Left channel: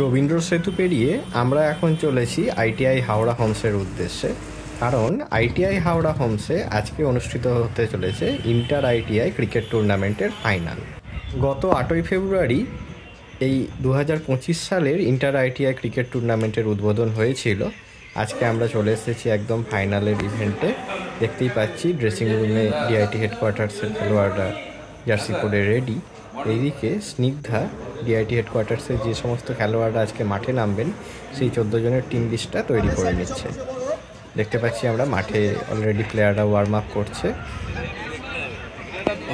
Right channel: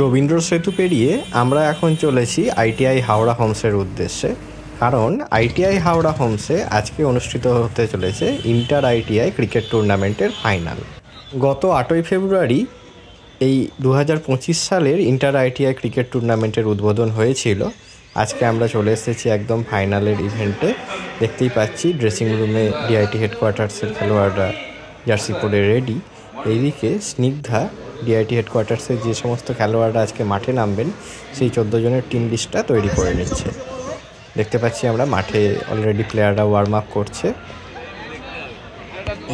রবীন্দ্র সেতু পেরিয়ে আমরা এখন চলেছি আইটিআই হাওড়া হোমসের উদ্দেশ্যে, কারণ আইটিআই হাওড়া হোমসে আজকে অনুষ্ঠিত হতে চলেছে ইন্টার আইটিআই ক্রিকেট টুর্নামেন্টের ফাইনাল। গত 8ই ফেব্রুয়ারি এই 2025 সালের ইন্টার আইটিআই ক্রিকেট টুর্নামেন্টের উদ্বোধন হয়েছিল। আজকে আমরা চলে এসেছি একদম ফাইনালের ইভেন্টে। দেখতেই পাচ্ছি ড্রেসিং রুমে ডিআইটি হেডকোয়ার্টার্সের খেলোয়াড়রা জার্সি পরে রেডি। এইদিকে স্নিগ্ধা ডিআইটি হেডকোয়ার্টার্সের যে সমস্ত খেলোয়াড়রা আজকে মাঠে নামবেন সেই 14 জনের টিম লিস্টটা তৈরি করে নিচ্ছে। দেখতে পাচ্ছি আমরা মাঠে অলরেডি প্লেয়াররা ওয়ার্ম আপ করছে।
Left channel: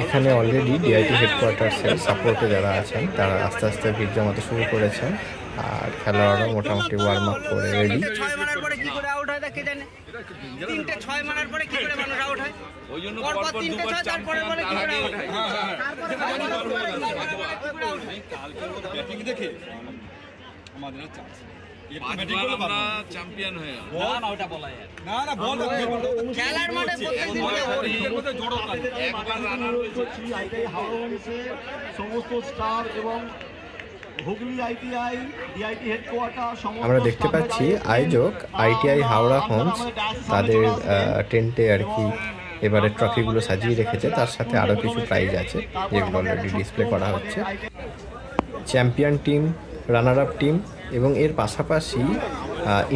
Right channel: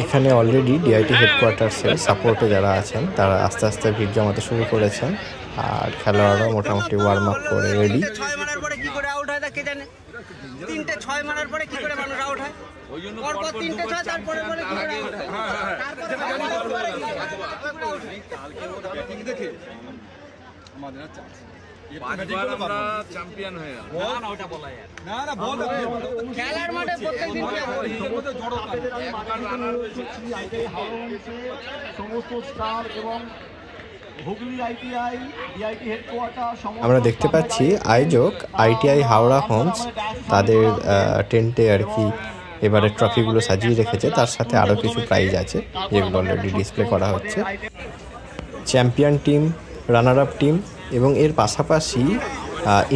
এখানে অলরেডি ডিআইটি হেডকোয়ার্টার্সের সাপোর্টে যারা আছেন তারা আস্তে আস্তে ভিড় জমাতে শুরু করেছেন, আর খেলোয়াড়রাও মোটামুটি ওয়ার্ম আপ করে রেডি। আমরা দেখতে পাচ্ছি আয়োজক আইটিআই হাওড়া হোমস তাদের টেন্টে আর কি এবারে ট্রফিগুলো সাজিয়ে রেখেছে, তার সাথে আরও কিছু প্রাইজ আছে যেগুলো অলরেডি ডিসপ্লে করা হচ্ছে। Champion team, runner up team এবং এর পাশাপাশি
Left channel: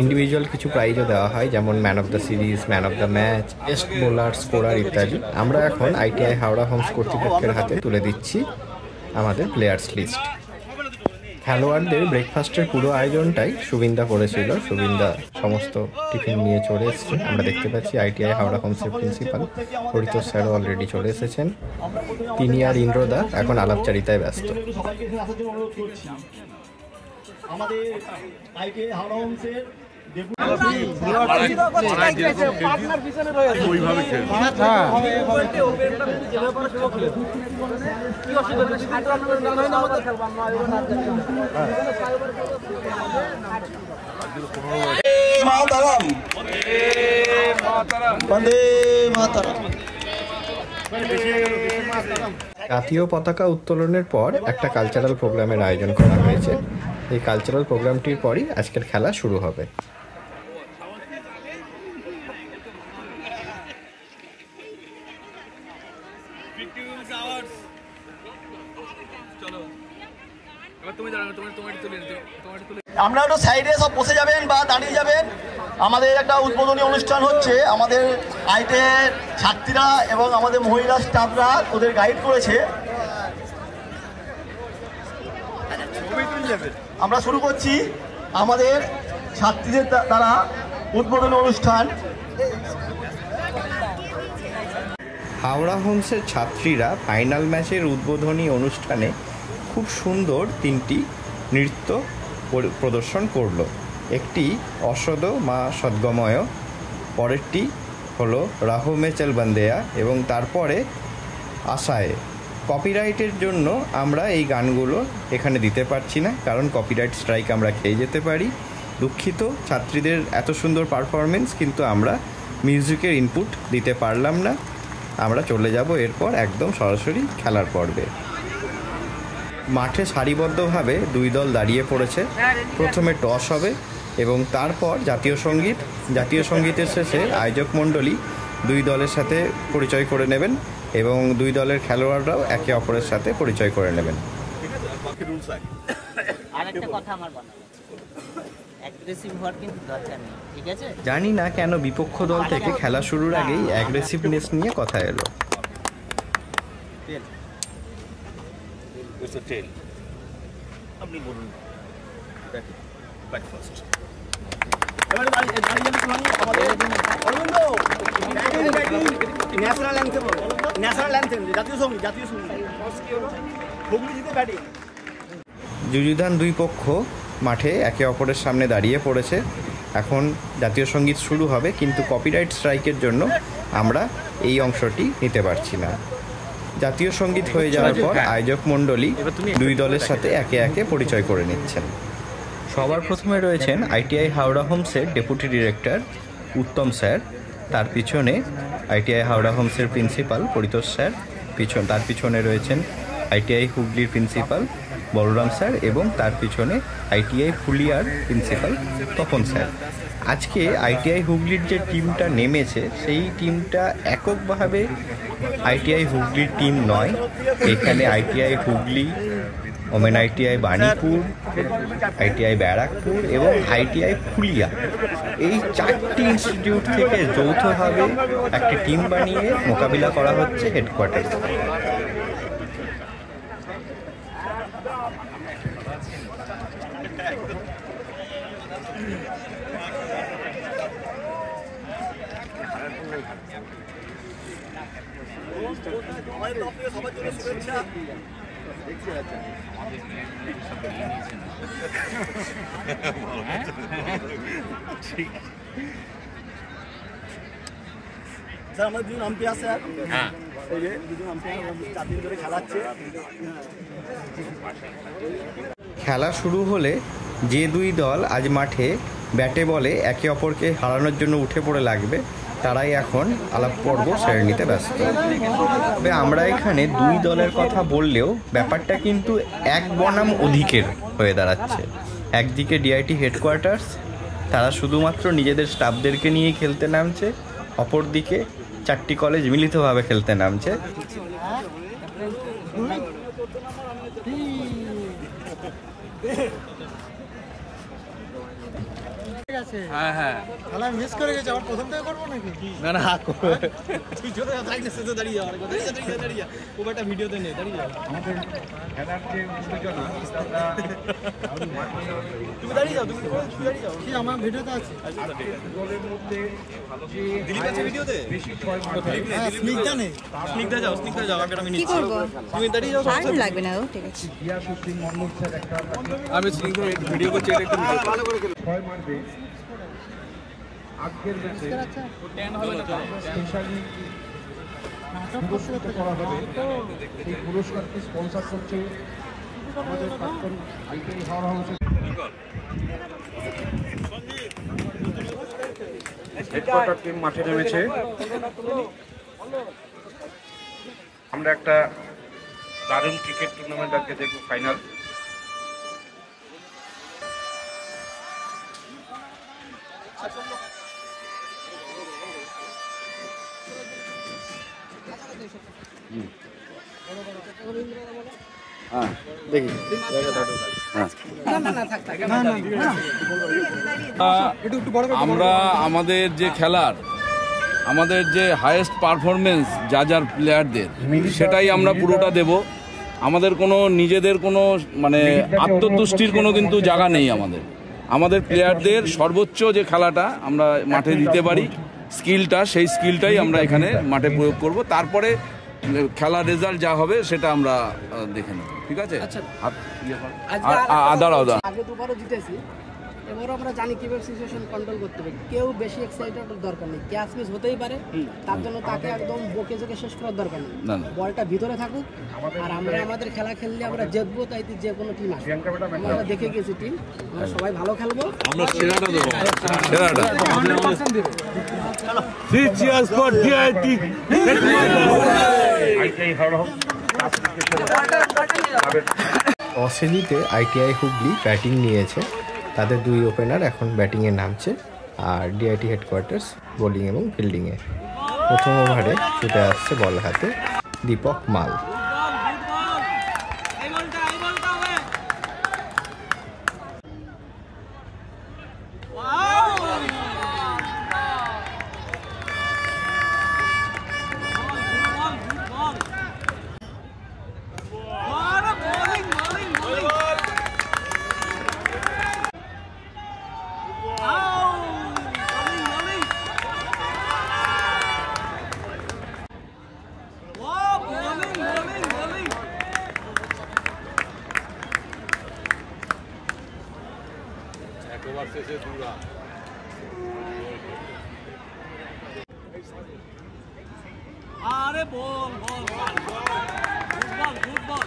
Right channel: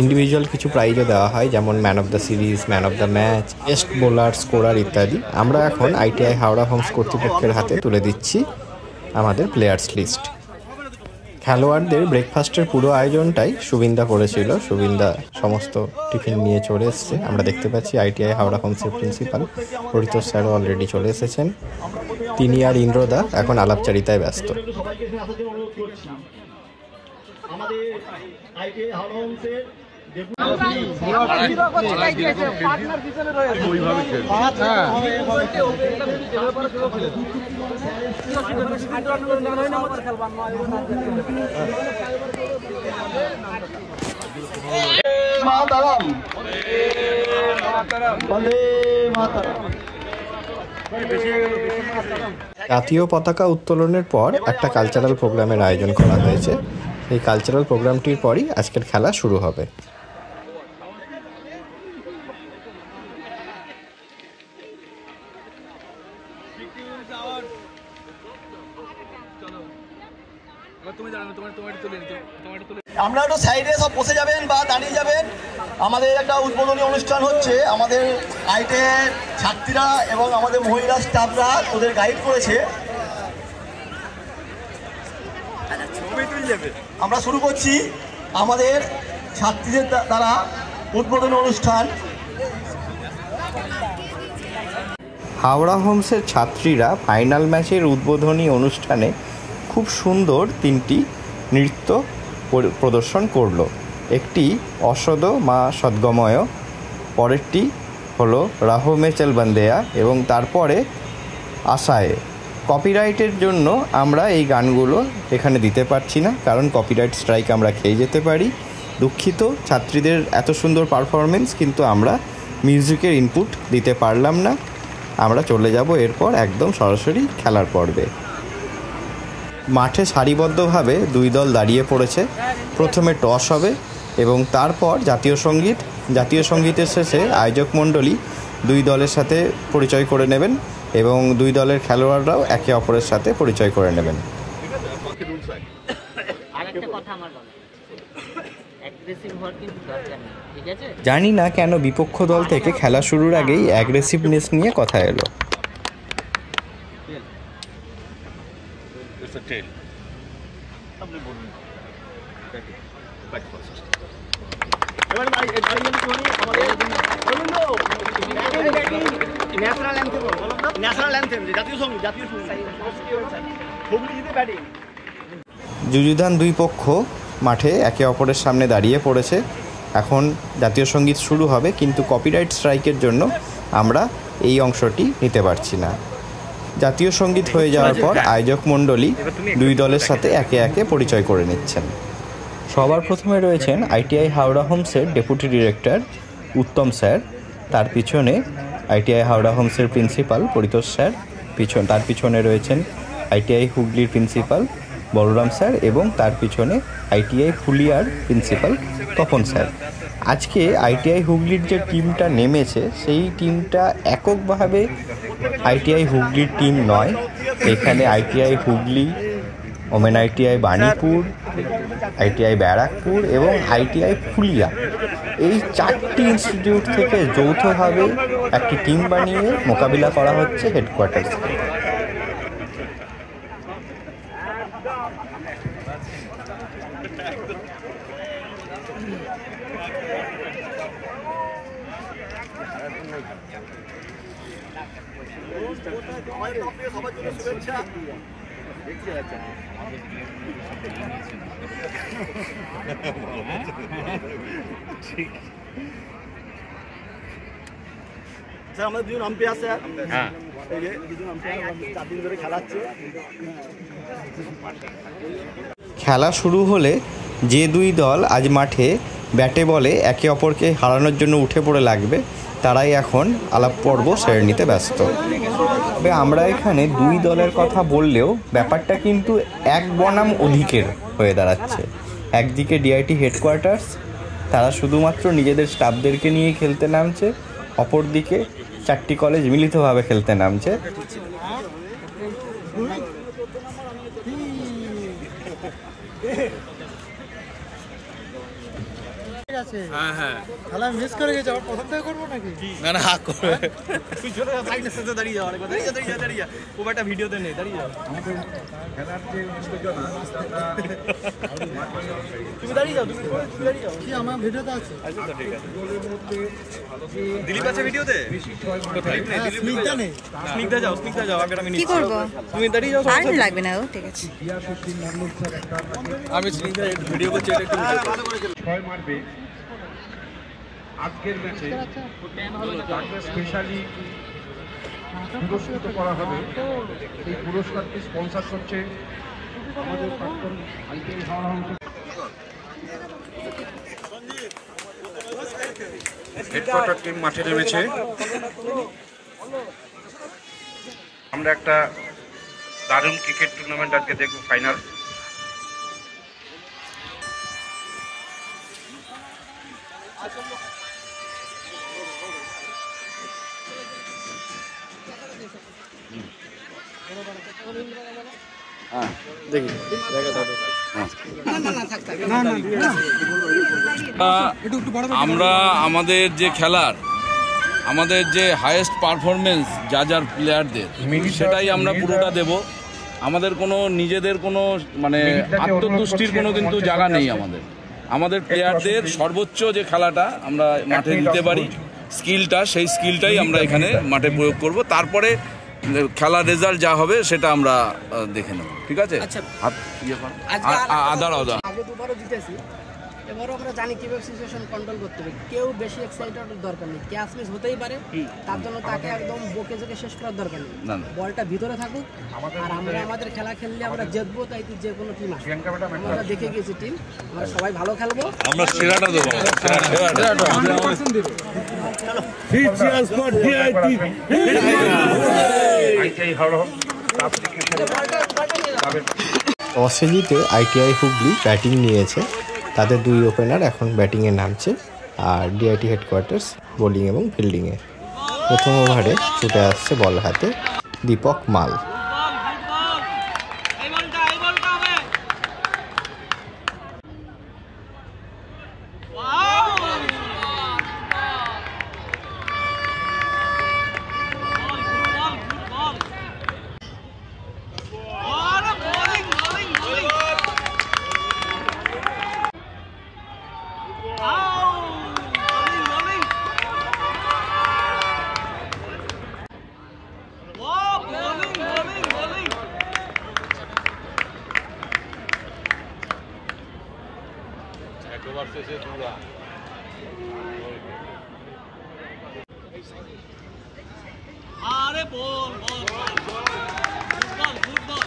ইন্ডিভিজুয়াল কিছু প্রাইজও দেওয়া হয়, যেমন man of the series, man of the match, best bowler, scorer ইত্যাদি। আমরা এখন আইটিআই হাওড়া হোমস কর্তৃপক্ষের হাতে তুলে দিচ্ছি আমাদের প্লেয়ার্স লিস্ট। খেলোয়াড়দের ব্রেকফাস্টের পুরো আয়োজনটাই সুবিন্দা করেছিল। সুবিন্দা সমস্ত টিফিন নিয়ে চলে এসেছে। আমরা দেখতে পাচ্ছি আইটিআই হাওড়া হোমসের প্রিন্সিপাল পরিতোষ স্যারও অলরেডি চলে এসেছেন। তিনি আর ইন্দ্রদা এখন আলাপচারিতায় ব্যস্ত। জাতীয় পতাকা উত্তোলনের পর একটা কালচারাল প্রোগ্রামের আয়োজন করা হয়েছে। এই কালচারাল প্রোগ্রামটির পরই আজকের খেলা শুরু হবে। আমরা একটু সাইডে সব বসে যাবেন বা দাঁড়িয়ে যাবেন। আমাদের একটা উদ্বোধনী অনুষ্ঠান হচ্ছে। আমাদের আইটিআই ছাত্রীরা এবং আমাদের মহিলা স্টাফরা ওদের গাইড করেছে। আমরা শুরু করছি আমাদের ছাত্রীদের দ্বারা উদ্বোধনী অনুষ্ঠান। হাওড়া হোমসের ছাত্রীরা ফাইনাল ম্যাচের উদ্বোধনী অনুষ্ঠানে খুব সুন্দর 3টি নৃত্য প্রদর্শন করলো। একটি অসদ মা সদ্গময়, পরেরটি হলো রাহো মে চল বন্দেয়া এবং তারপরে আশায়। কপিরাইটের জন্য আমরা এই গানগুলো এখানে দিতে পারছি না, কারণ কপিরাইট স্ট্রাইক আমরা খেয়ে যেতে পারি। দুঃখিত ছাত্রীদের এত সুন্দর পারফরমেন্স, কিন্তু আমরা মিউজিকের ইনপুট দিতে পারলাম না। আমরা চলে যাব এরপর একদম সরাসরি খেলার পর্বে। মাঠে সারিবদ্ধভাবে 2 দল দাঁড়িয়ে পড়েছে। প্রথমে টস হবে এবং তারপর জাতীয় সঙ্গীতের শেষে আয়োজক মণ্ডলী 2 দলের সাথে পরিচয় করে নেবেন এবং 2 দলের খেলোয়াড়রাও একে অপরের সাথে পরিচয় করে নেবেন। জানি না কেন বিপক্ষ দল থেকে খেলা শুরুর আগেই অ্যাগ্রেসিভনেস নিয়ে কথা এলো। যুযুধান 2 পক্ষ মাঠে একে অপরের সামনে দাঁড়িয়ে পড়েছে। এখন জাতীয় সঙ্গীত শুরু হবে, কিন্তু কপিরাইট স্ট্রাইকের জন্য আমরা এই অংশটি নিতে পারছি না। জাতীয় সঙ্গীত হয়ে যাওয়ার পর আয়োজক মণ্ডলী 2 দলের সাথে একে একে পরিচয় করে নিচ্ছেন। সবার প্রথমে রয়েছেন আইটিআই হাওড়া হোমসের ডেপুটি ডিরেক্টর উত্তম স্যার, তার পিছনে আইটিআই হাওড়া হোমসের প্রিন্সিপাল পরিতোষ স্যার, তার পিছনে রয়েছেন আইটিআই হুগলির প্রিন্সিপাল বলরাম স্যার এবং তার পিছনে আইটিআই ফুলিয়ার প্রিন্সিপাল তপন স্যার। আজকে আইটিআই হুগলির যে টিমটা নেমেছে সেই টিমটা এককভাবে আইটিআই হুগলির টিম নয়। এখানে ITI Hooghly, women ITI Banipur, ITI Barrackpore এবং আইটিআই ফুলিয়া, এই 4টি ইনস্টিটিউট থেকে যৌথভাবে একটি টিম বানিয়ে মোকাবিলা করা হচ্ছে হেডকোয়ার্টার। স্যার আমাদের দুজন আম্পায়ার স্যার, হ্যাঁ এই যে দুজন আম্পায়ার 4 দিন ধরে খেলাচ্ছে। খেলা শুরু হলে যে দুই দল আজ মাঠে ব্যাটে বলে একে অপরকে হারানোর জন্য উঠে পড়ে লাগবে, তারাই এখন আলাপ পর্ব সেরে নিতে ব্যস্ত। তবে আমরা এখানে দুই দলের কথা বললেও ব্যাপারটা কিন্তু এক বনাম অধিকের হয়ে দাঁড়াচ্ছে। একদিকে ডিআইটি হেডকোয়ার্টার্স, তারা শুধুমাত্র নিজেদের স্টাফদেরকে নিয়েই খেলতে নামছে, অপরদিকে 4টি কলেজ মিলিতভাবে খেলতে নামছে। হ্যাঁ হ্যাঁ খেলা মিস করে গেছে, আবার প্রথম থেকে করবো নাকি? না না হাক করবে, দাঁড়িয়ে যাওয়ার দাঁড়িয়ে খুব একটা ভিডিওতে নেই, দাঁড়িয়ে যাও তুমি দাঁড়িয়ে যাও, তুমি দাঁড়িয়ে যাও। কি আমার ভিডিওতে আছে? দিলীপ আছে ভিডিওতে? স্নিগ্ধা নেই, স্নিগ্ধা যাও, স্নিগ্ধা যাও। আগে আমি কি করব? তুমি দাঁড়িয়ে যাও, আর লাগবে না। ও ঠিক আছে, আমি স্নিগ্ধা ভিডিও করছি, এটা একটু ভালো করে মারবে। আজকের ম্যাচে স্পেশালি পুরস্কৃত করা হবে। এই পুরস্কারটি স্পন্সর করছে আমাদের প্রাক্তন আইটিআই হাওড়া হাউসের হেডকোয়ার্টার টিম মাঠে নেমেছে। আমরা একটা দারুণ ক্রিকেট টুর্নামেন্ট আজকে দেখব, ফাইনাল। আমরা আমাদের যে খেলার, আমাদের যে হাইয়েস্ট পারফরমেন্স যার প্লেয়ারদের, সেটাই আমরা পুরোটা দেব। আমাদের কোনো নিজেদের কোনো মানে আত্মতুষ্টির কোনো কিন্তু জায়গা নেই। আমাদের প্লেয়ারদের সর্বোচ্চ যে খেলাটা আমরা মাঠে দিতে পারি, স্কিলটা, সেই স্কিলটাই আমরা এখানে মাঠে প্রয়োগ করব। তারপরে খেলার রেজাল্ট যা হবে সেটা আমরা দেখে নেব, ঠিক আছে? আদার আগে দুবারও জিতেছি, এবারও আমরা জানি কিভাবে সিচুয়েশন কন্ট্রোল করতে হবে। কেউ বেশি এক্সাইটেড দরকার নেই, ক্যাচ মিস হতেই পারে, তার জন্য তাকে একদম বকে জেকে শেষ করার দরকার নেই। বলটা ভিতরে থাকুক, আর আমরা আমাদের খেলা খেললে আমরা জিতবো, তাই যে কোনো টিম আসে। আমরা দেখে গেছি টিম, আমরা সবাই ভালো খেলবো, আমরা সেরাটা দেবো। টসে জিতে আইটিআই হুগলি ব্যাটিং নিয়েছে। তাদের দুই ওপেনার এখন ব্যাটিংয়ে নামছে, আর ডিআইটি হেডকোয়ার্টার্স বোলিং এবং ফিল্ডিংয়ে। প্রথম ওভারে ছুটে আসছে বল হাতে দীপক মাল। আরে বল বল বল গুড বল।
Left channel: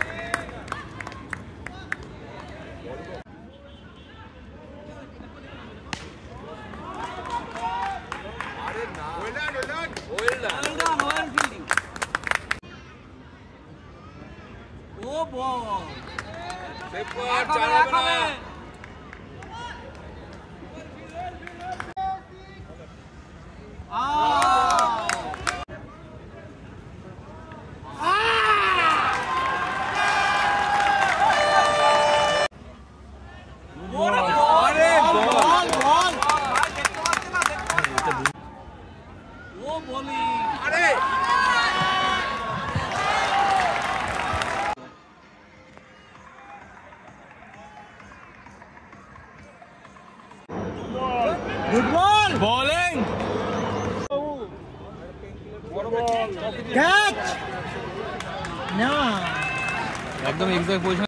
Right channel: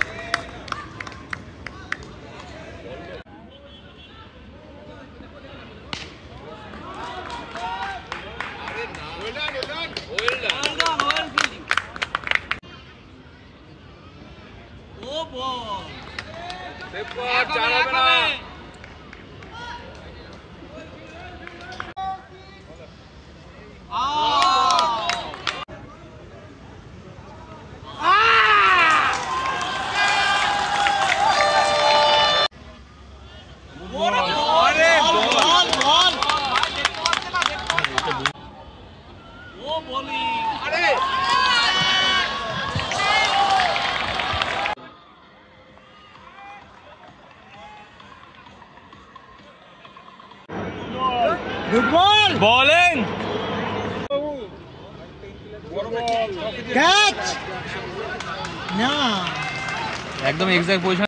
একদম এক্সাক্ট পজিশন।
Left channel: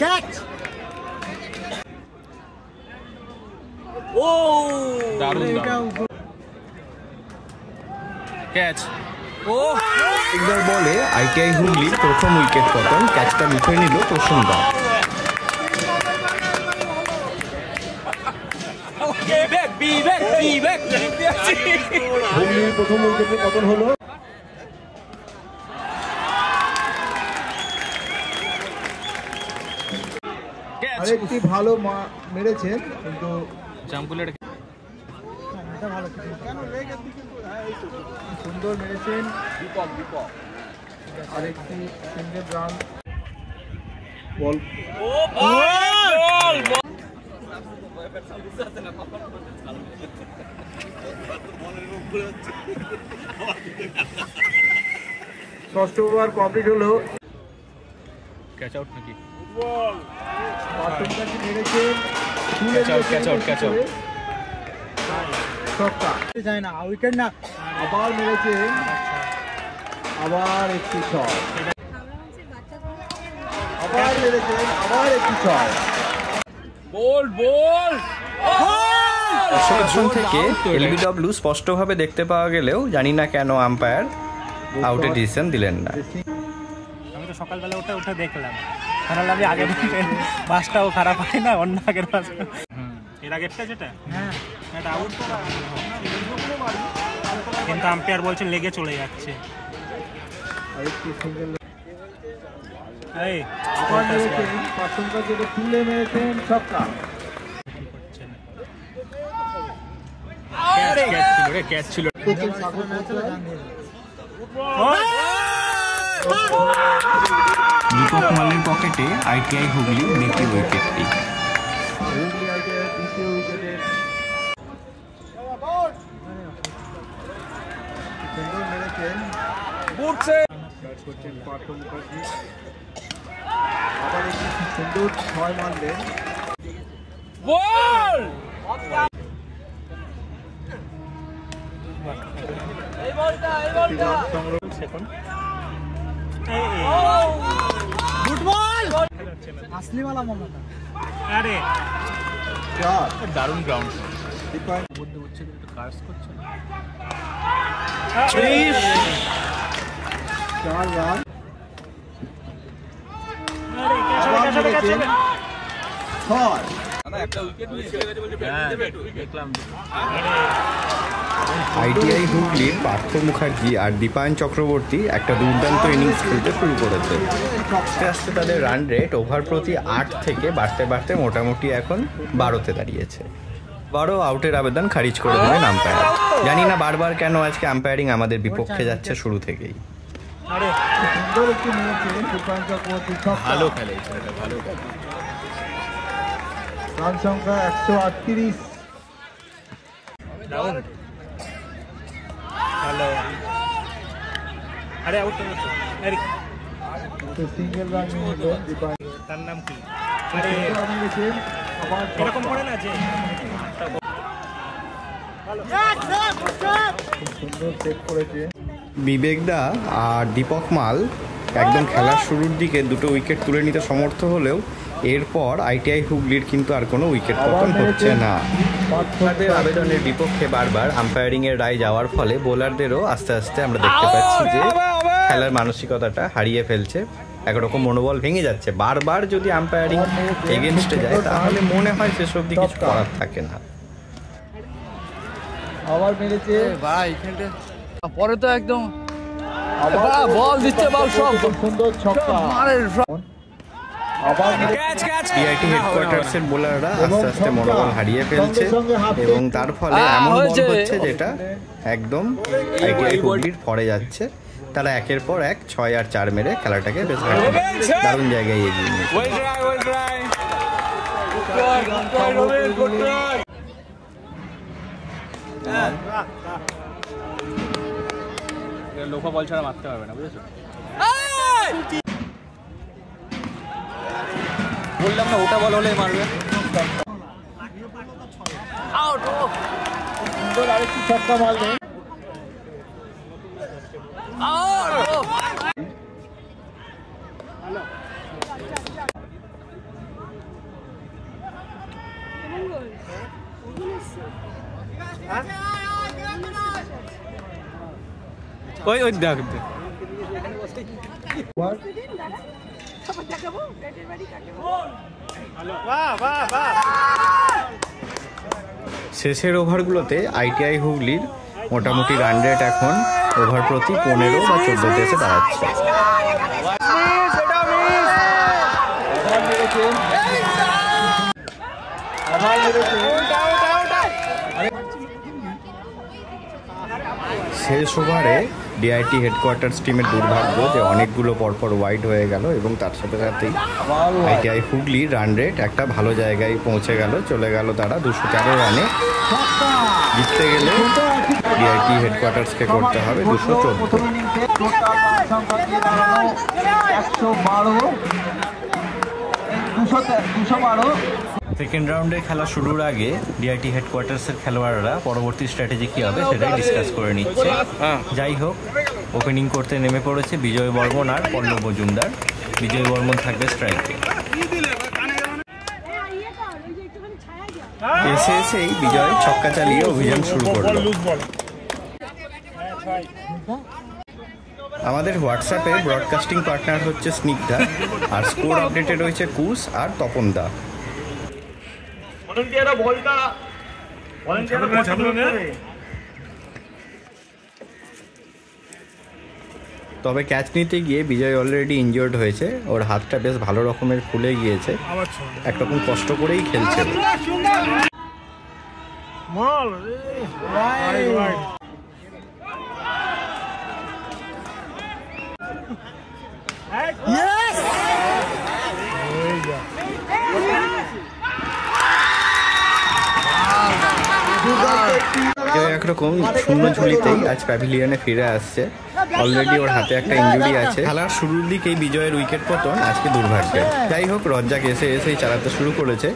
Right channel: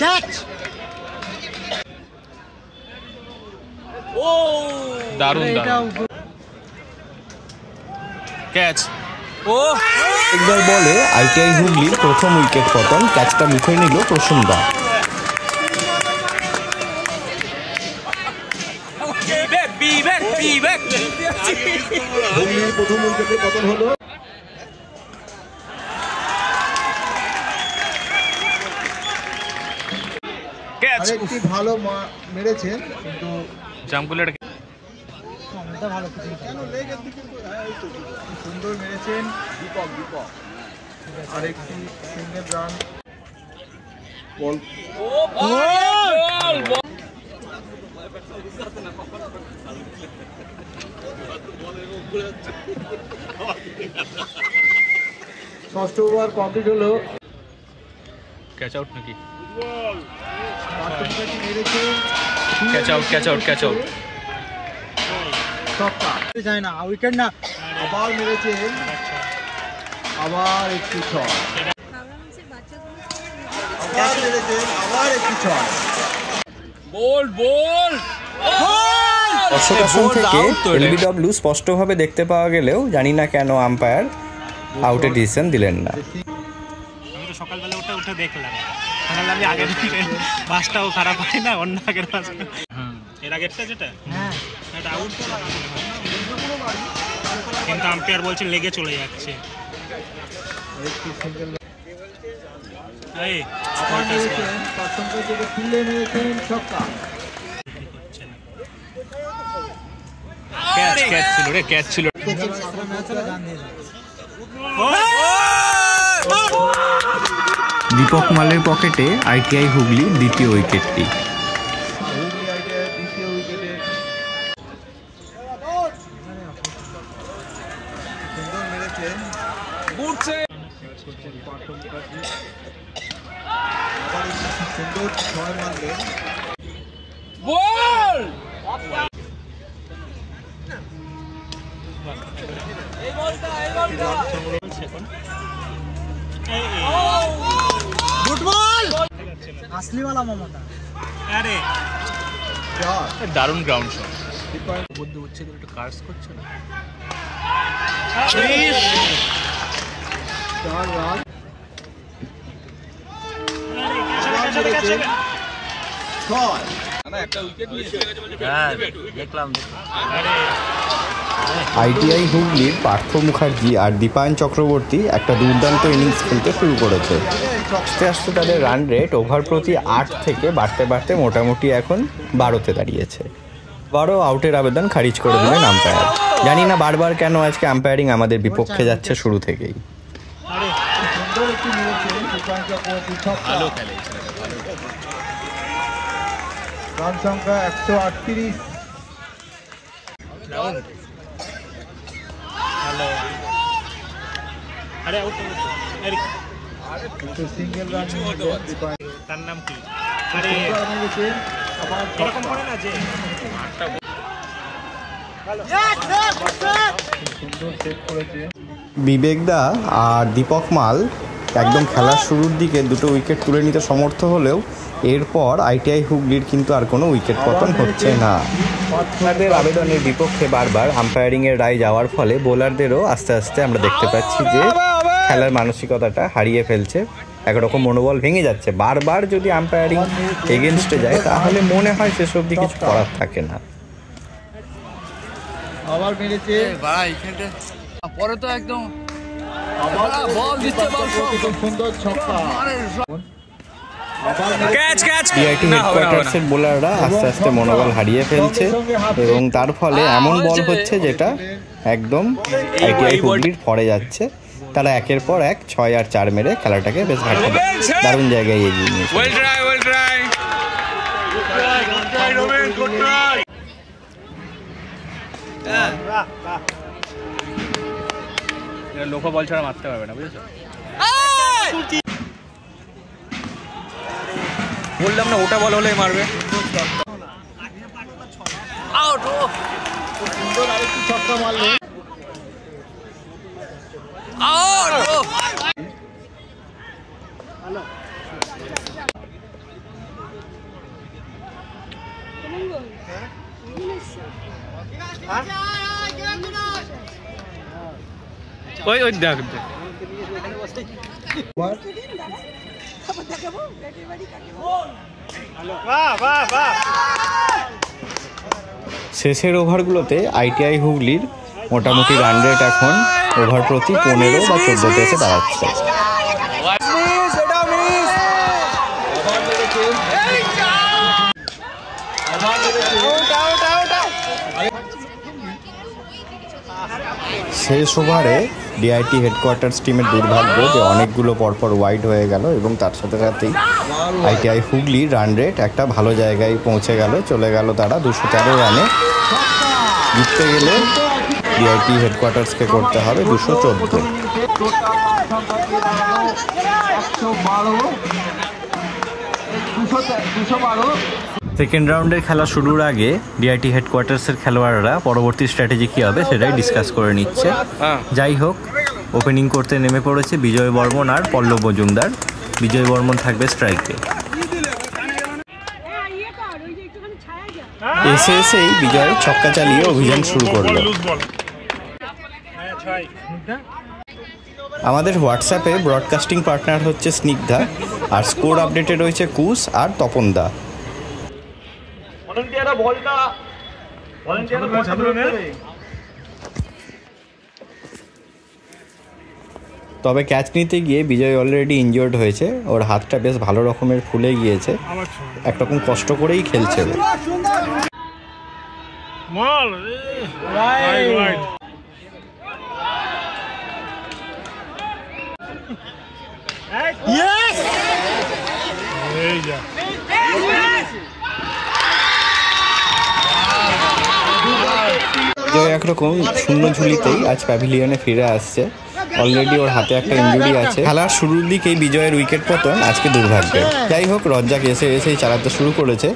ক্যাচ! ও দারুণ ক্যাচ! ও একবার বলে আইটিআই হুগলির প্রথম উইকেট পতন, ক্যাচটা লিখে নিল প্রসূনদা। হুগলির প্রথম উইকেটে পতন হলো। আরেকটি ভালো মেরেছেন কিন্তু জাম্পুলের সুন্দর মেরেছেন দীপক। আরেকটি সিঙ্গেল রান বল। ষষ্ঠ ওভার কমপ্লিট হলো। ক্যাচ আউট নাকি? ক্যাচ আউট ছক্কা যায় না, উইকেট না। আবার মেরেছে, আবার একটি ছক, আবার মেরেছে, আবার একটি ছক। বল দর্শক আসন থেকে এলবিডব্লিউ স্পষ্টভাবে দেখতে পাওয়া গেলেও জানি না কেন আম্পায়ার আউটের ডিসিশন দিলেন না। আমি তো সকালবেলা উঠে দেখলাম, তাহলে আমি আগের বাসটাও খারাপ হয় না, অন্য আগের বাস এর আগেরটা যেটা এটা আউট, কিন্তু আম্পায়ার বলছে লেগে চলে যাচ্ছে। ক্যাচ ছিল। দীপক মালের পকেটে আইটিআই হুগলি দ্বিতীয় উইকেটটি। দারুণ গ্রাউন্ড আইটিআই হুগলির পার্থ মুখার্জি আর দীপায়ন চক্রবর্তী একটা দুর্দান্ত ইনিংস খেলতে শুরু করেছে। আস্তে আস্তে তাদের রান রেট ওভার প্রতি 8 থেকে বাড়তে মোটামুটি এখন 12তে দাঁড়িয়েছে। 12 আউটের আবেদন খারিজ করে দিলেন আম্পায়ার। জানি না বারবার কেন আজকে আম্পায়ারিং আমাদের বিপক্ষে যাচ্ছে শুরু থেকেই। ভালো খেলে, রান সংখ্যা 138। ভালো, আরে আউট সিঙ্গেল রান। তার নাম কি? আরে এরকম করে না যে সুন্দর সেট করেছে বিবেকদা আর দীপক মাল একদম খেলার শুরুর দিকে দুটো উইকেট তুলে নিতে সমর্থ হলেও এরপর আইটিআই হুগলির কিন্তু আর কোনো উইকেট পতন হচ্ছে না। তাদের আবেদনের বিপক্ষে বারবার আম্পায়ারিংয়ের রায় যাওয়ার ফলে বোলারদেরও আস্তে আস্তে আমরা দেখতে পাচ্ছি যে খেলার মানসিকতাটা হারিয়ে ফেলছে, একরকম মনোবল ভেঙে যাচ্ছে। বারবার যদি আম্পায়ারিং এগেনস্টে যায় তাহলে মনে হয় শেষ অবধি কিছু করার থাকে না। আবার মেরেছে ভাই, পরে তো একদম বল দিচ্ছে, বল সব সুন্দর ছক্কা। সিআইটি হেডকোয়ার্টার্সের বোলাররা আস্তে আস্তে মনোবল হারিয়ে ফেলছে এবং তার ফলে এমন বল হচ্ছে যেটা একদম আইটিআই হুগলির পরে যাচ্ছে। তারা একের পর এক 6 আর 4 মেরে খেলাটাকে বেশ দারুণ জায়গায় এগিয়ে নিয়েছে। লোক বল ছাড়া মারতে পারবে না, বুঝেছো? বললাম না ওটা বল হলেই মারবে। সুন্দর আরেকটি ছক্কা মারবে। ওই ওই দেখ শেষের ওভারগুলোতে আইটিআই হুগলির মোটামুটি রান রেট এখন ওভার প্রতি 15 বা 14 এসে দাঁড়াচ্ছে। শেষ ওভারে ডিআইটি হেডকোয়ার্টার্স টিমের দুর্ভাগ্য যে অনেকগুলো পরপর ওয়াইড হয়ে গেল এবং তার সাথে সাথেই আইটিআই হুগলির রান রেট একটা ভালো জায়গায় পৌঁছে গেল, চলে গেল তারা 213 রানে। জিততে গেলে ডিআইটি হেডকোয়ার্টার্সকে করতে হবে 214। সেকেন্ড রাউন্ডের খেলা শুরুর আগে ডিআইটি হেডকোয়ার্টার্সের খেলোয়াড়রা পরবর্তী স্ট্র্যাটেজি কী হবে সেটাই ডিসকাস করে নিচ্ছে। যাই হোক, ওপেনিং করতে নেমে পড়েছে বিজয় বর্মন আর পল্লব মজুমদার। বিজয় বর্মন থাকবে স্ট্রাইকে। এসেই বিজয় ছক্কা চালিয়ে অভিযান শুরু করল। আমাদের হোয়াটসঅ্যাপে ব্রডকাস্টিং পার্টনার হচ্ছে স্নিগ্ধা, আর স্কোর আপডেটে রয়েছে কুশ আর তপনদা। তবে ক্যাচ নিতে গিয়ে বিজয় অলরেডি ইনজিওর্ড হয়েছে, ওর হাতটা বেশ ভালো রকমের ফুলে গিয়েছে, একরকম কষ্ট করেই খেলছে। বিজয় একরকম শূন্য ঝুলিতেই আজ প্যাভিলিয়নে ফিরে আসছে। অলরেডি ওর হাতে একটা ইনজুরি আছে। খেলার শুরুর দিকেই বিজয়ের উইকেট পতন আজকে দুর্ভাগ্যের। যাই হোক, রজ্জাক এসেই চালাতে শুরু করেছে।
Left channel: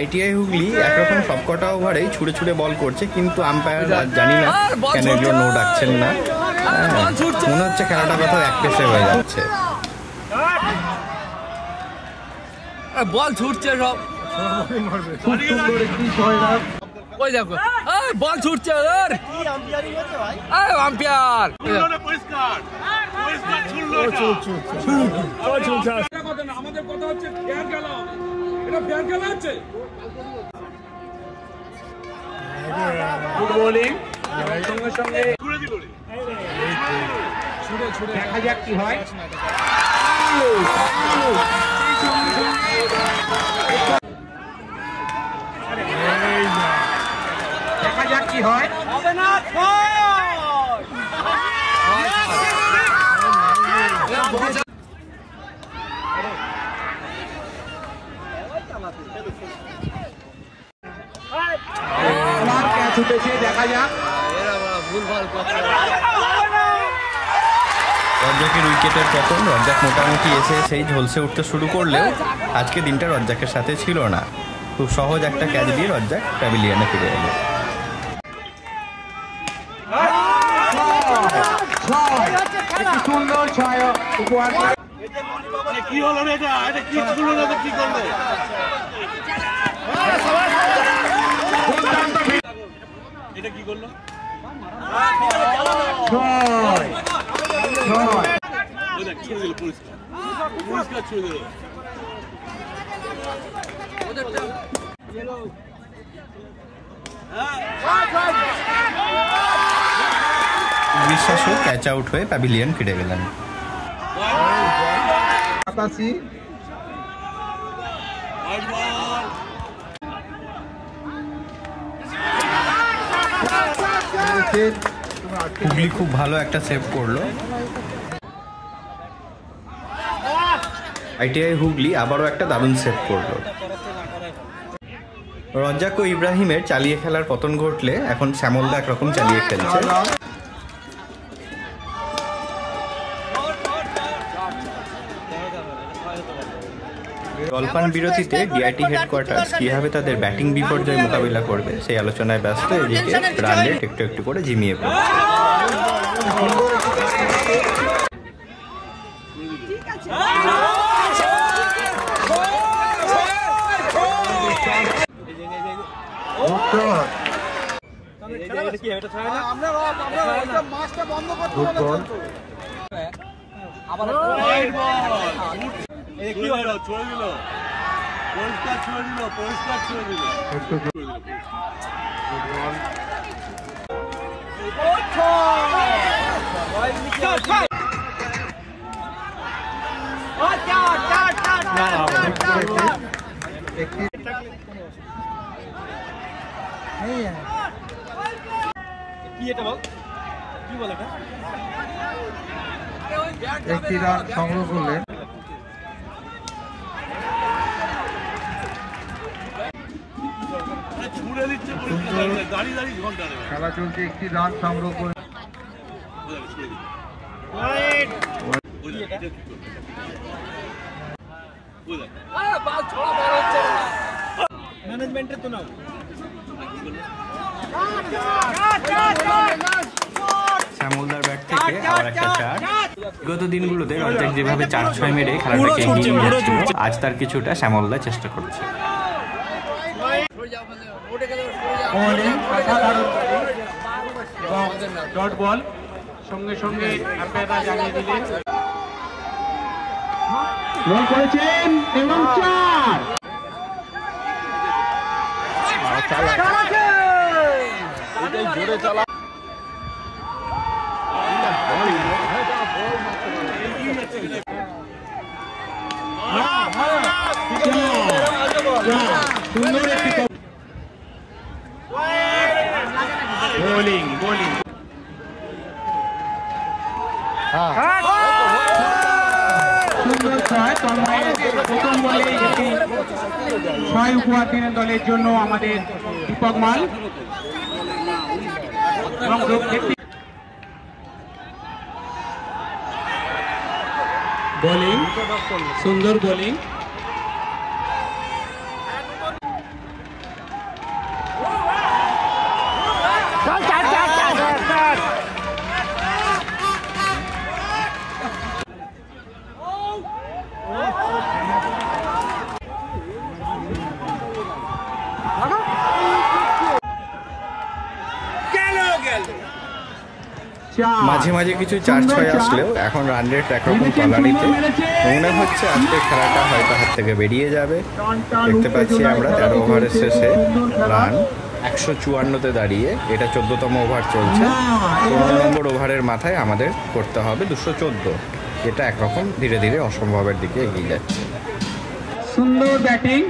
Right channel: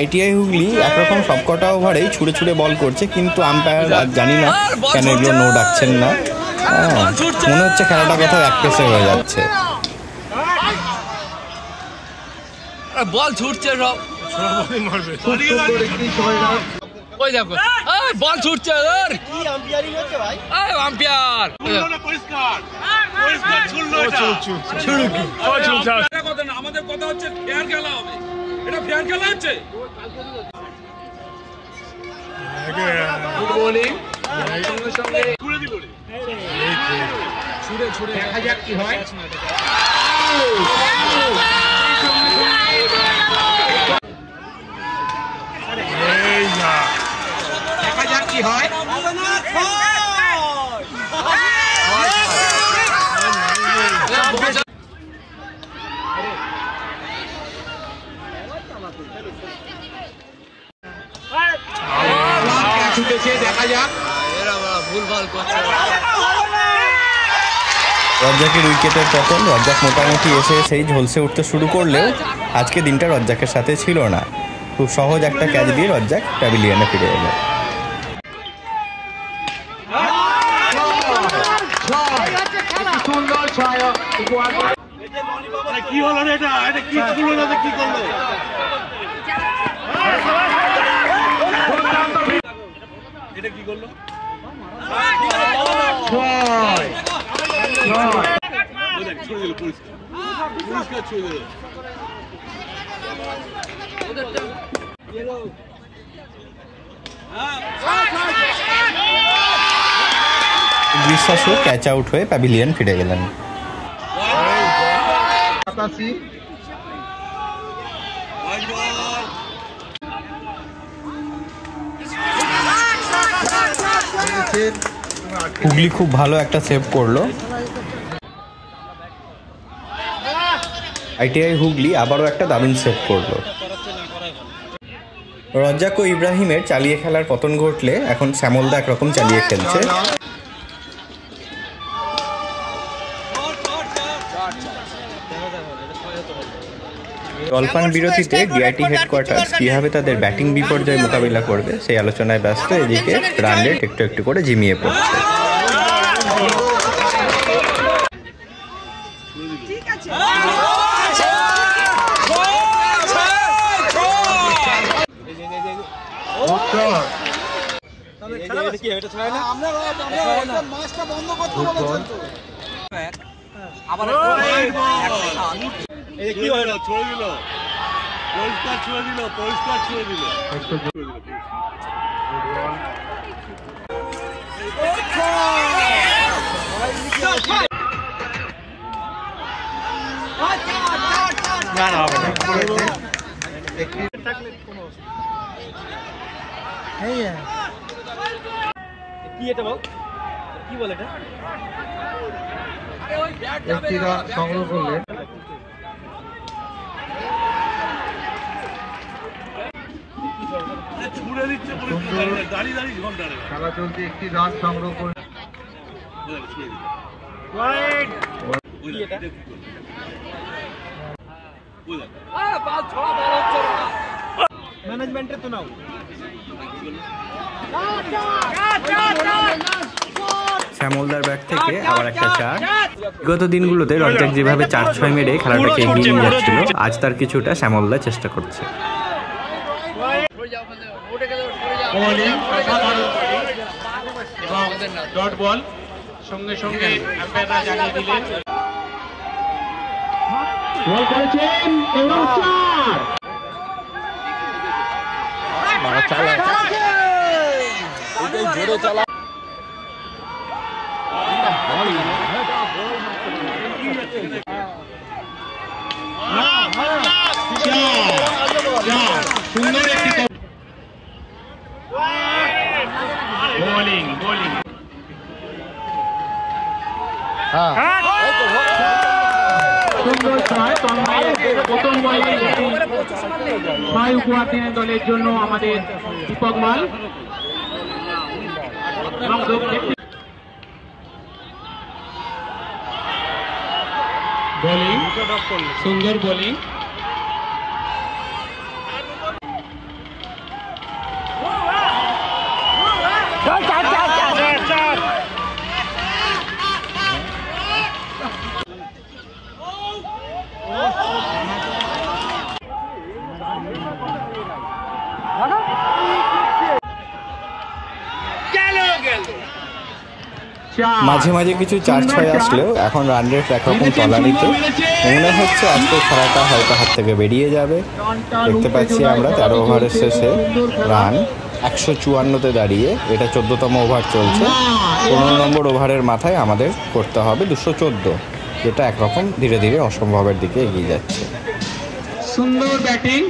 আইটিআই হুগলি একরকম সবকটা ওভারেই ছুড়ে ছুড়ে বল করছে, কিন্তু আম্পায়ার আর জানি না কেন এগুলো নো ডাকছেন না। মনে হচ্ছে খেলাটা কোথাও এক পেসে হয়ে যাচ্ছে। বল ছুটছে সব, ওই দেখো বল ছুটছে। আম্পায়ার আমাদের কথা হচ্ছে ফেয়ার খেলা হবে, এটা ফেয়ার খেলা হচ্ছে। দেখা যাক কি হয়। দেখা যাক কি হয়। দেখা যাক। রজ্জাকের উইকেটের পতন। রজ্জাক মোটামুটি এসেই ঝলসে উঠতে শুরু করলেও আজকে দিনটা রজ্জাকের সাথে ছিল না। খুব সহজ একটা ক্যাচ দিয়ে রজ্জাক প্যাভিলিয়নে ফিরে এলো। কি হলো এটা? কি করলো? কি করলো? এটা কি করলো? বিশ্বাসও ক্যাচ আউট হয়ে প্যাভিলিয়ন ফিরে গেলেন। হুগলি খুব ভালো একটা সেভ করলো। আইটিআই হুগলি আবারও একটা দারুণ সেভ করলো। রজ্জাক ও ইব্রাহিমের চালিয়ে খেলার পতন ঘটলে এখন শ্যামলদা একরকম চালিয়ে খেলছে। জলপান বিরতিতে ডিআইটি হেডকোয়ার্টার্স কীভাবে তাদের ব্যাটিং বিপর্যয় মোকাবিলা করবে সেই আলোচনায় ব্যস্ত। এদিকে রান রেট একটু একটু করে ঝিমিয়ে পড়ছে। কি হলো? ছড়ে দিল, পরিষ্কার ছড়ে দিল, পরিষ্কার ছড়ে দিল। না না হবে না। কি এটা বল, কি বলে এটা? একটি রান সংগ্রহ করলেন। খেলা চলছে, একটি রান সংগ্রহ করে ম্যানেজমেন্টের তো নাও। শ্যামলদার ব্যাট থেকে আবার একটা চার। বিগত দিনগুলোতে রঞ্জাক যেভাবে 4-6 মেরে খেলাটাকে এগিয়ে নিয়ে যাচ্ছিল, আজ তার কিছুটা শ্যামলদা চেষ্টা করছে। ডট বল সঙ্গে সঙ্গে বল করেছেন এবং চার। সুন্দর একটি বোলিং বোলিং সুন্দর ছয়। প্রথম বলে 6 উপহার দিনের দলের জন্য আমাদের দীপক মাল। বোলিং সুন্দর বোলিং। মাঝে মাঝে কিছু 4-6 আসলেও এখন রান রেট একরকম তলানিতে। মনে হচ্ছে আজকের খেলাটা হয়তো হাত থেকে বেরিয়ে যাবে। দেখতে পাচ্ছি আমরা 13 ওভারের শেষে রান 154-তে দাঁড়িয়ে। এটা 14তম ওভার চলছে। 15 নম্বর ওভারের মাথায় আমাদের করতে হবে 214। এটা একরকম ধীরে ধীরে অসম্ভবের দিকে এগিয়ে যাচ্ছে। সুন্দর ব্যাটিং,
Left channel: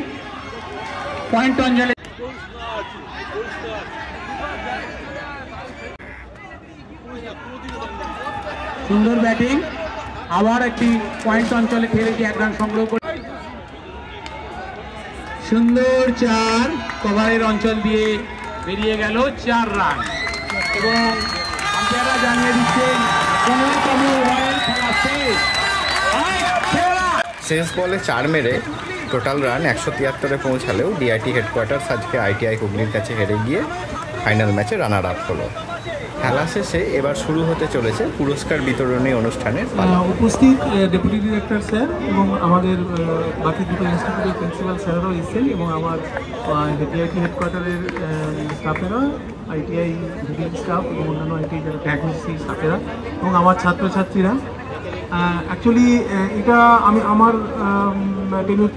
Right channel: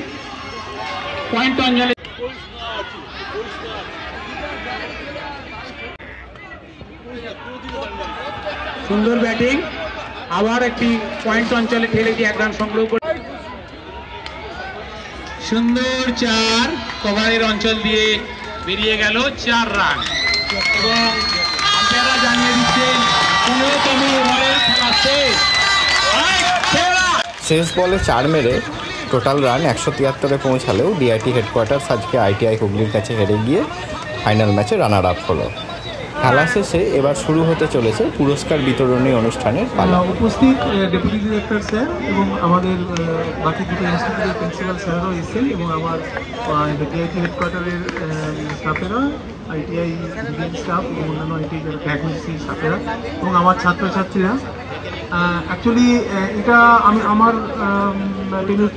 পয়েন্ট অঞ্জলি। সুন্দর ব্যাটিং, আবার একটি পয়েন্ট অঞ্চলে ফেলে দিয়ে এক রান সংগ্রহ করে। সুন্দর 4 কভারের অঞ্চল দিয়ে বেরিয়ে গেল 4 রান এবং আম্পায়াররা জানিয়ে দিচ্ছেন 15তম ওভারের খেলা শেষ। শেষ বলে 4 মেরে টোটাল রান 173-এ পৌঁছালেও ডিআইটি হেডকোয়ার্টার্স আজকে আইটিআই হুগলির কাছে হেরে গিয়ে ফাইনাল ম্যাচে রানার আপ হলো। খেলা শেষে এবার শুরু হতে চলেছে পুরস্কার বিতরণী অনুষ্ঠানের পালা। উপস্থিত ডেপুটি ডিরেক্টর স্যার এবং আমাদের বাকি দুটো ইনস্টিটিউটের প্রিন্সিপাল স্যাররাও এসেছেন এবং আমার ডিআইটি হেডকোয়ার্টারের স্টাফেরা, আইটিআই স্টাফ এবং অন্যান্য আইটিআই যারা ফ্যাকাল্টি স্টাফেরা এবং আমার ছাত্রছাত্রীরা। অ্যাকচুয়ালি এটা আমার টেনের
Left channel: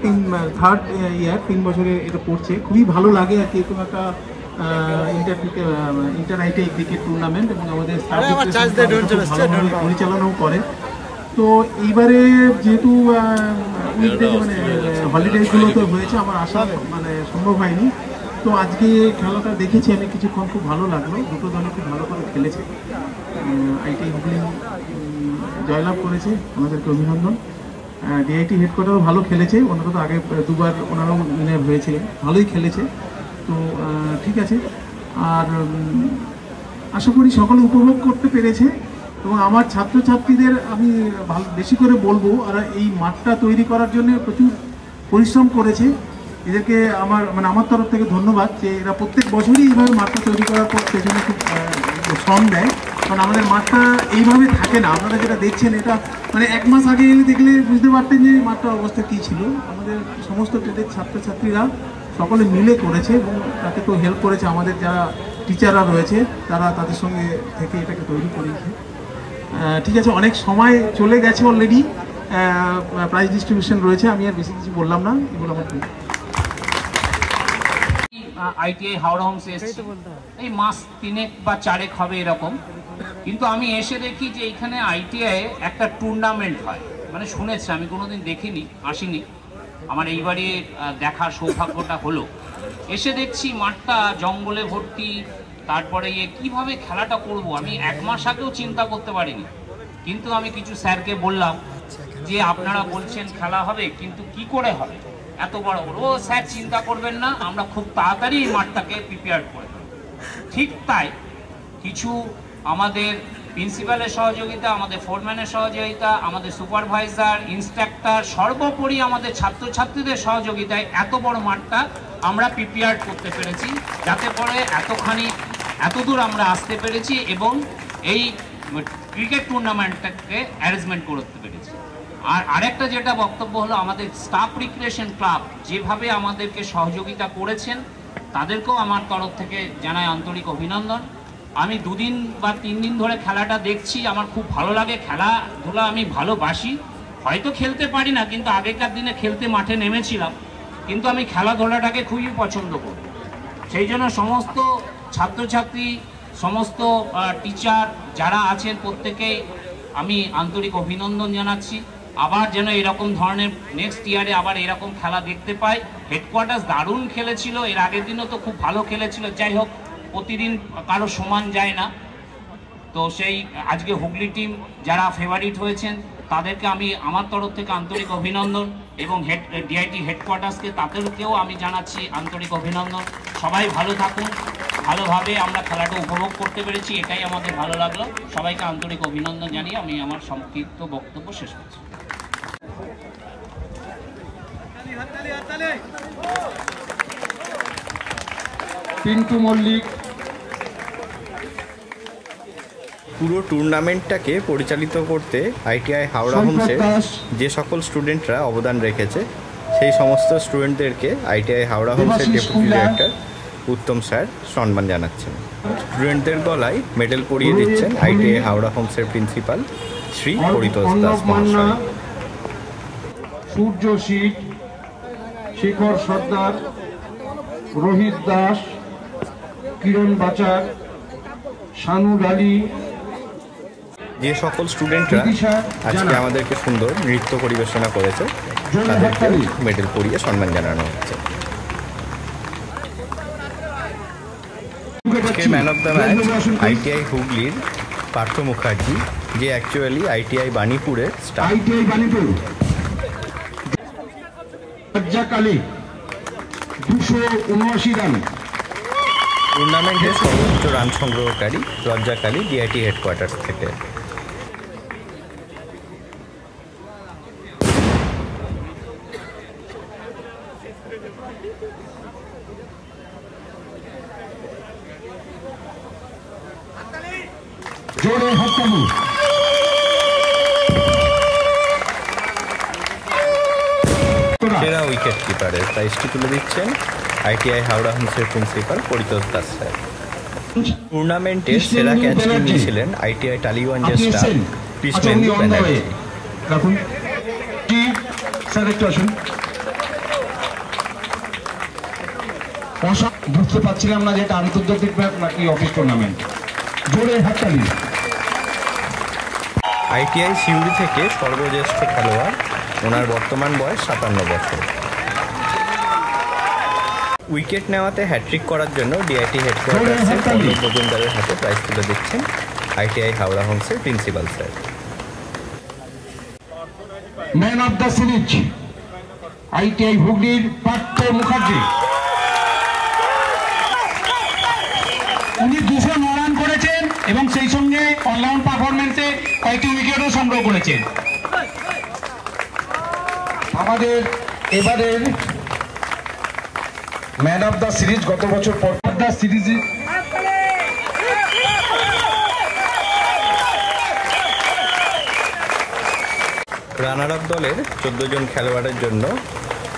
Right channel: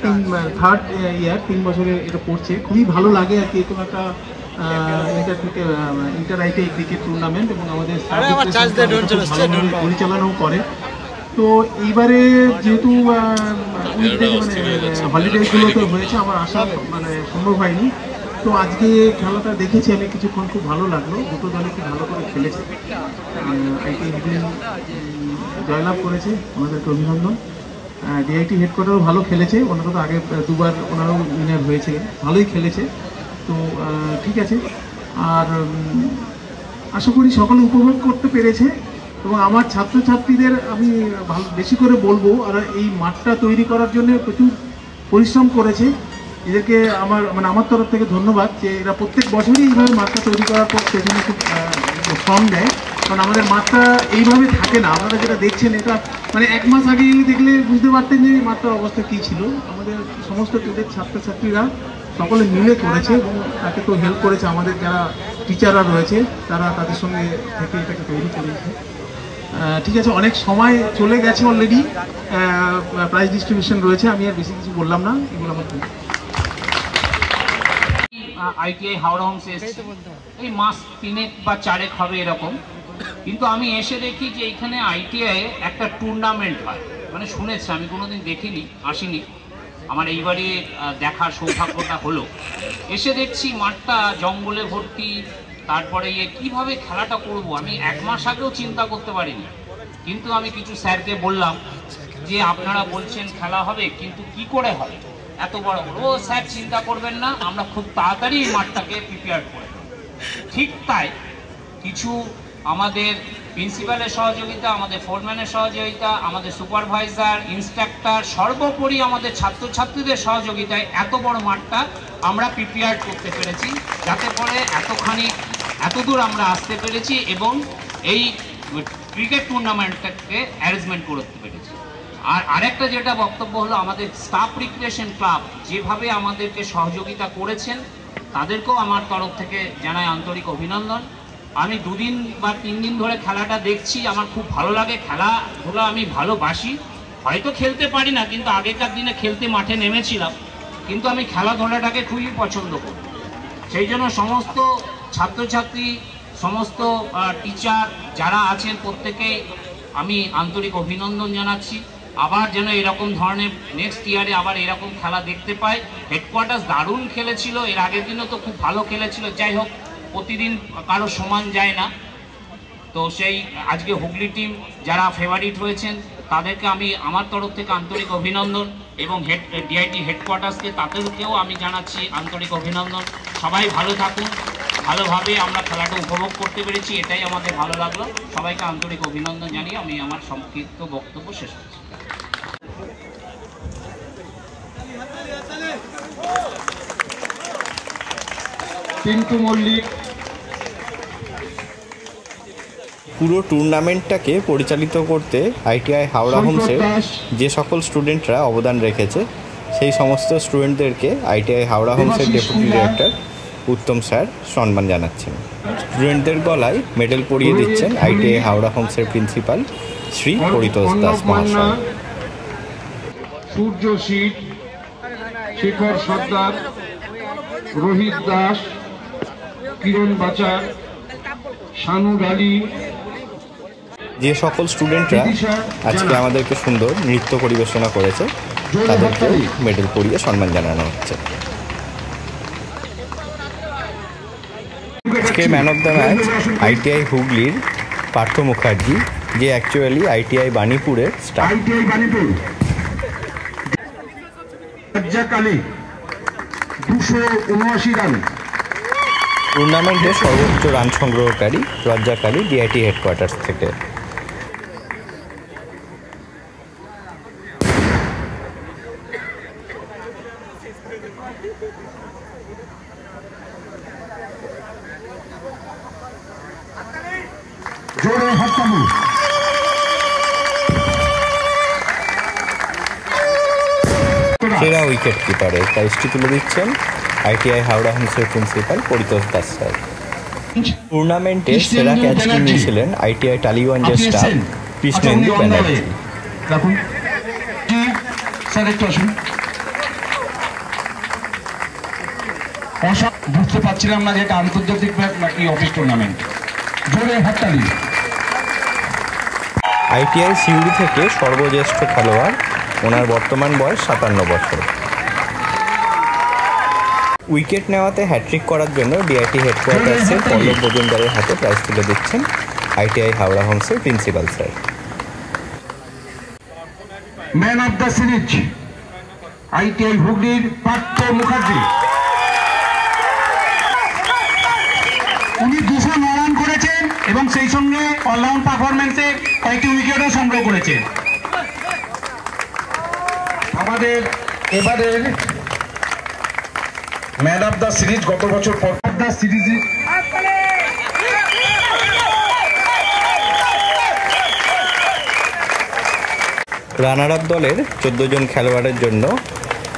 3 বছরে এটা পড়ছে। খুবই ভালো লাগে আর কি, এরকম একটা ইন্টার আইটিআই ক্রিকেট টুর্নামেন্ট এবং আমাদের স্টাফ ভালোভাবে পরিচালনাও করে। তো এইবারে যেহেতু হলিডেগুলো তো হয়েছে, আমার আসা সম্ভব হয়নি। তো আজকে খেলাটা দেখেছি আমি কিছুক্ষণ, খুব ভালো লাগলো। দুটো দলে খুব ভালো করে খেলেছে। আইটিআই হুগলি জয়লাভ করেছে, ওনাদেরকে অভিনন্দন। ডিআইটি হেডকোয়ার্টারও ভালো খেলেছে, ওনারা তো আগে 2বার ওনারাও উইনার হয়েছিলেন, ভালোই খেলেছে। তো ঠিক আছে, আর আশা করি সকলে উপভোগ করতে পেরেছে এবং আমার ছাত্রছাত্রীদের আমি বেশি করে বলবো, আর এই মাঠটা তৈরি করার জন্য প্রচুর পরিশ্রম করেছে। এদেরকে আমার তরফ থেকে ধন্যবাদ যে এরা প্রত্যেক বছরই এইভাবে মাঠটা তৈরি করার পর সেখানে খুব শ্রম দেয়, কারণ আমাদের মাঠটা এইভাবে থাকে না। আপনারা যেটা দেখছেন এটা এক মাস আগে এলে দেখলে বুঝতে পারতেন যে মাঠটার অবস্থা কী ছিল। আমাদের সমস্ত ট্রেডের ছাত্রছাত্রীরা সকলে মিলে করেছে এবং তাকে তো হেল্প করেছে আমাদের যারা টিচাররা রয়েছে, তারা তাদের সঙ্গে থেকে এটাকে তৈরি করেছে। ঠিক আছে, অনেক সময় চলে গেছে অলরেডি, প্রাইজ ডিস্ট্রিবিউশন রয়েছে, আমি আর বেশি কিছু বললাম না, এগুলো আমার আইটিআই হাওড়া হোমসে এসেছি এই মাস 3 বা 4 হবে এরকম, কিন্তু আমি এসে দেখি যে এইখানে আইটিআই একটা টুর্নামেন্ট হয়, শুনেছি, আমি কোনোদিন দেখিনি, আসিনি, আমার এইবারে দেখার সৌভাগ্যটা হলো। এসে দেখছি মাঠটা জঙ্গলে ভর্তি, তারপরে কিভাবে খেলাটা করব আমি 1 মাস আগেও চিন্তা করতে পারিনি। কিন্তু আমি কিছু স্যারকে বললাম যে আপনারা বলছেন খেলা হবে, কিন্তু কি করে হবে, এত বড় বড়। ও স্যার চিন্তা করবেন না, আমরা খুব তাড়াতাড়ি এই মাঠটাকে প্রিপেয়ার করে দেব। ঠিক তাই কিছু আমাদের প্রিন্সিপালের সহযোগিতা, আমাদের ফোরম্যানের সহযোগিতা, আমাদের সুপারভাইজার, ইন্সট্রাক্টর, সর্বোপরি আমাদের ছাত্রছাত্রীদের সহযোগিতায় এত বড় মাঠটা আমরা প্রিপেয়ার করতে পেরেছি, যাতে করে এতদূর আমরা আসতে পেরেছি এবং এই ক্রিকেট টুর্নামেন্টটাকে অ্যারেঞ্জমেন্ট করতে পেরেছি। আর আরেকটা যেটা বক্তব্য হলো, আমাদের স্টাফ রিক্রিয়েশন ক্লাব যেভাবে আমাদেরকে সহযোগিতা করেছেন তাদেরকেও আমার তরফ থেকে জানাই আন্তরিক অভিনন্দন। আমি 2 দিন বা 3 দিন ধরে খেলাটা দেখছি, আমার খুব ভালো লাগে, খেলাধুলা আমি ভালোবাসি, হয়তো খেলতে পারি না, কিন্তু আগেকার দিনে খেলতে মাঠে নেমেছিলাম, কিন্তু আমি খেলাধুলাটাকে খুবই পছন্দ করি। সেই জন্য সমস্ত ছাত্রছাত্রী, সমস্ত টিচার যারা আছেন প্রত্যেকেই আমি আন্তরিক অভিনন্দন জানাচ্ছি। আবার যেন এরকম ধরনের নেক্সট ইয়ারে আবার এরকম খেলা দেখতে পাই। হেডকোয়ার্টার্স দারুণ খেলেছিল, এর আগের দিনও তো খুব ভালো খেলেছিল, যাই হোক প্রতিদিন কারো সমান যায় না। তো সেই আজকে হুগলি টিম যারা ফেভারিট হয়েছেন তাদেরকে আমি আমার তরফ থেকে আন্তরিক অভিনন্দন এবং ডিআইটি হেডকোয়ার্টার্সকে তাদেরকেও আমি জানাচ্ছি আন্তরিক অভিনন্দন। সবাই ভালো থাকুন, ভালোভাবে আমরা খেলাটা উপভোগ করতে পেরেছি, এটাই আমাদের ভালো লাগলো। সবাইকে আন্তরিক অভিনন্দন জানিয়ে আমি আমার সংক্ষিপ্ত বক্তব্য শেষ করছি। পিন্টু মল্লিক। পুরো টুর্নামেন্টটাকে পরিচালিত করতে আইটিআই হাওড়া হোমসের যে সকল স্টুডেন্টরা অবদান রেখেছে সেই সমস্ত স্টুডেন্টদেরকে আইটিআই হাওড়া হোমসের ডেপুটি ডিরেক্টর উত্তম স্যার সম্মান জানাচ্ছেন। স্টুডেন্টদের গলায় মেডেল পরিয়ে দিচ্ছেন আইটিআই হাওড়া হোমসের প্রিন্সিপাল শ্রী পরিতোষ দাস মহাশয়। সূর্য শীত, শেখর সর্দার, রোহিত দাস, কিরণ বাচার, শানু ডালি, যে সকল স্টুডেন্টরা আজকে আমাদেরকে সুন্দর নৃত্য পরিবেশনা করেছে তাদেরকেও মেডেল পরিয়ে সম্মান জানানো হচ্ছে। আজকে man of the match ITI হুগলির পার্থ মুখার্জি, যে অ্যাকচুয়ালি আইটিআই বাণীপুরের স্টাফ। টুর্নামেন্টে সর্বোচ্চ রান সংগ্রহকারী রজ্জাকালী ডিআইটি হেডকোয়ার্টার্স থেকে। জোরে হাততালি। সেরা উইকেট কিপারের প্রাইজটি তুলে দিচ্ছেন আইটিআই হাওড়া হোমসের প্রিন্সিপাল পরিতোষ দাস স্যার। টুর্নামেন্টে সেরা ক্যাচটি নিয়েছিলেন আইটিআই টালিগঞ্জের স্টাফ কৃষ্ণেন্দু ব্যানার্জি। বুঝতে পারছিলাম না যে এটা আন্তর্জাতিক নাকি অফিস টুর্নামেন্ট। জোরে হাততালি। আইটিআই সিউড়ি থেকে সর্বজ্যেষ্ঠ খেলোয়াড়, ওনার বর্তমান বয়স 57 বছর। উইকেট নেওয়াতে হ্যাট্রিক করার জন্য ডিআইটি হেডকোয়ার্টার্সের পল্লব মজুমদারের হাতে প্রাইজ তুলে দিচ্ছেন আইটিআই হাওড়া হোমসের principal sir. Man of the series ITI হুগলির পার্থ মুখার্জি। উনি 209 রান করেছেন এবং সেই সঙ্গে অলরাউন্ড পারফরমেন্সে কয়েকটি উইকেটও সংগ্রহ করেছেন। আমাদের এবারের ম্যান অফ দ্য সিরিজ গত বছর দ্য সিরিজে রানার আপ দলের 14 জন খেলোয়াড়ের জন্য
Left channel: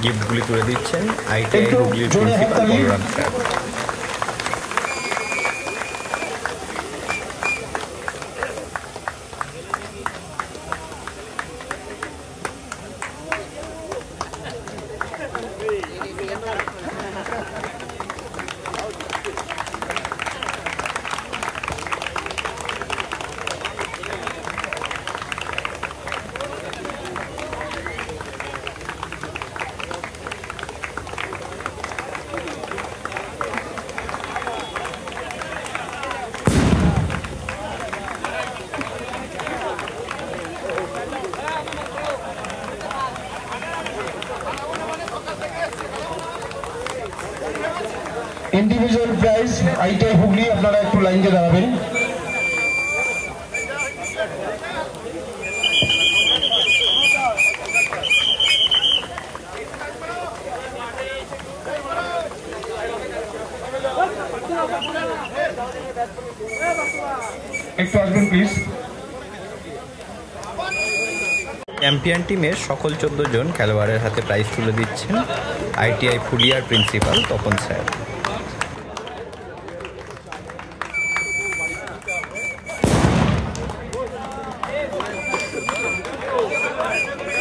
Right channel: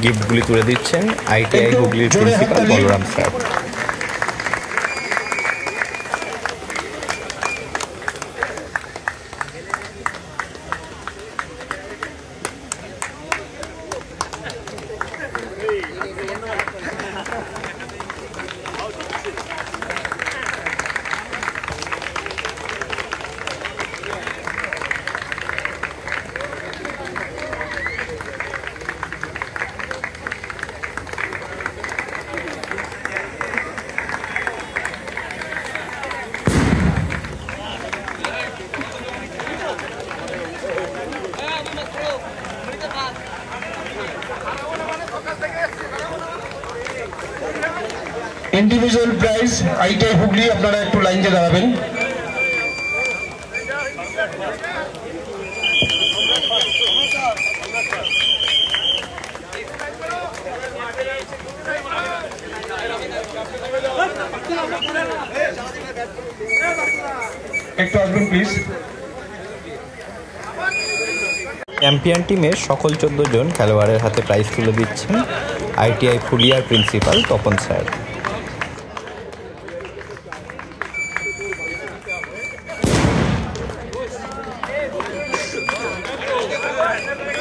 গিফটগুলি তুলে দিচ্ছেন আইটিআই হুগলির principal Balaram sir. Individual prize ITI Hooghly, আপনারা একটু লাইনে দাঁড়াবেন। একটু আসবেন প্লিজ। চ্যাম্পিয়ন টিমের সকল 14 জন খেলোয়াড়ের হাতে প্রাইজ তুলে দিচ্ছেন আইটিআই ফুলিয়ার প্রিন্সিপাল তপন স্যার।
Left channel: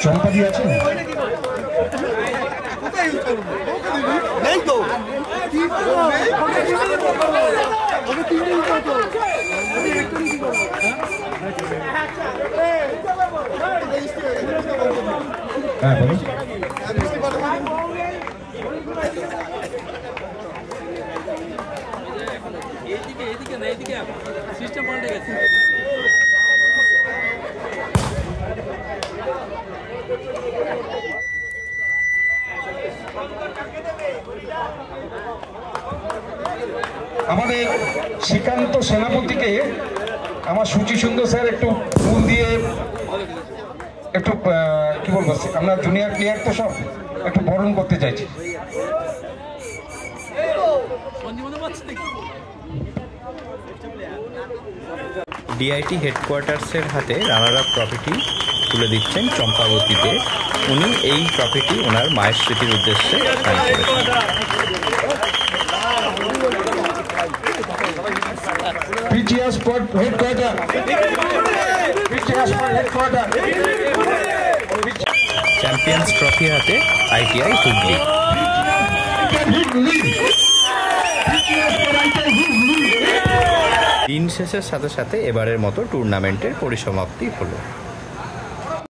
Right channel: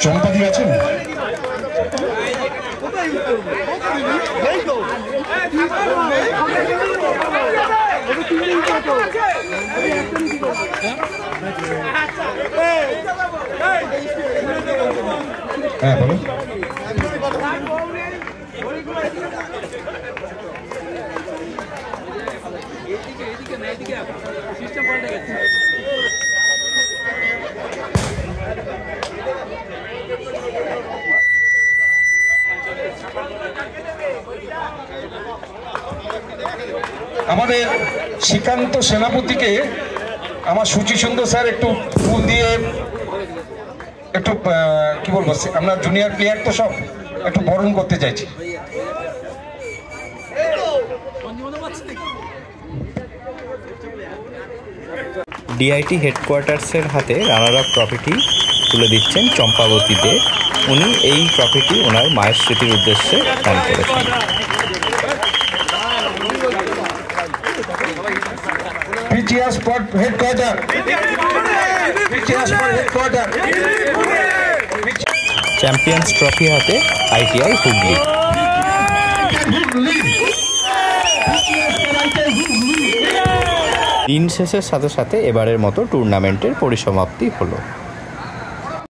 চম্পাদি আছেন? হ্যাঁ বলুন। এইদিকে না, এইদিকে সিস্টেম পাল্টে গেছে। আমাদের শ্রীকান্ত সেনাপতিকে আমার সুচি সুন্দর স্যার একটু ফুল দিয়ে একটু কি বলবো, আমরা জুনিয়র প্লেয়ার তো সব একটু বরণ করতে চাইছি। ডিআইটি হেডকোয়ার্টার্সের হাতে রানার আপ ট্রফিটি তুলে দিচ্ছেন চম্পাবতী দে। উনি এই ট্রফিটি ওনার মায়ের স্মৃতির উদ্দেশ্যে দান করেছেন। চ্যাম্পিয়ন্স ট্রফি হাতে আইটিআই হুগলি। দিন শেষের সাথে সাথে এবারের মতো টুর্নামেন্টের পরিসমাপ্তি হলো।